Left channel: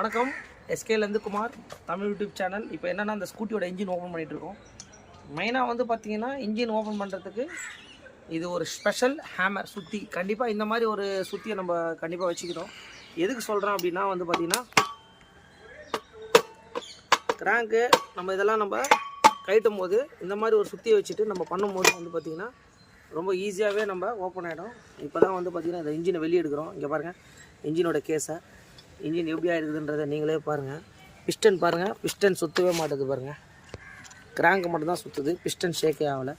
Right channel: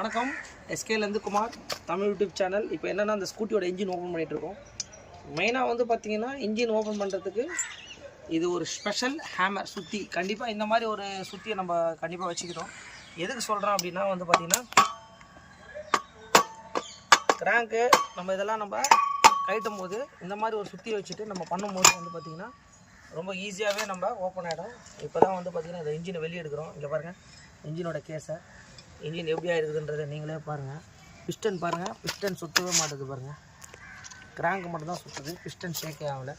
வணக்கம், எஸ்கேலேருந்து Kumar, Tamil YouTube channel. இப்போ என்னென்னா அந்த ஸ்கூட்டியோட இன்ஜின் ஓப்பன் பண்ணிகிட்ருக்கோம். மெயினாக வந்து பார்த்திங்கன்னா இன்ஜின் ஓப்பன் பண்ணுறதுக்கு இது ஒரு ஸ்பெஷல் ஹேமர் சுற்றி. கண்டிப்பாக இந்த மாதிரி ஒரு சுற்றியை நம்ம கண்டிப்பாக வச்சுக்கிட்டோம். எதுக்கு சொல்கிறோம் அப்படின்னா வந்து பார்த்திங்கன்னா கிராங்கு நம்ம இதெல்லாம் நம்ம கழட்டும் போது இந்த மாதிரி ஒரு சுற்றியை வச்சுட்டு நம்ம பண்ணும்போது வந்து பார்த்திங்கன்னா ரொம்ப ஈஸியாகவே நம்ம ஓப்பன் ஆகிடும். இப்போ தான் வந்து பார்த்திங்கன்னா இந்த இன்ஜினை வெளியே எடுக்கிறோம். இங்கே பாருங்கள் இன்ஜினோட கேஸை, இன்ஜின் எப்படி ஆகிருக்குதுன்றதை நீங்களே பாருங்கள். பிஸ்டன் பாருங்கள், பிஸ்டன் சுற்றவே மாட்டேது பாருங்கள். கிராங்கு மட்டும்தான் சுற்றுது, பிஸ்டன் ஷேக்கே ஆகலை.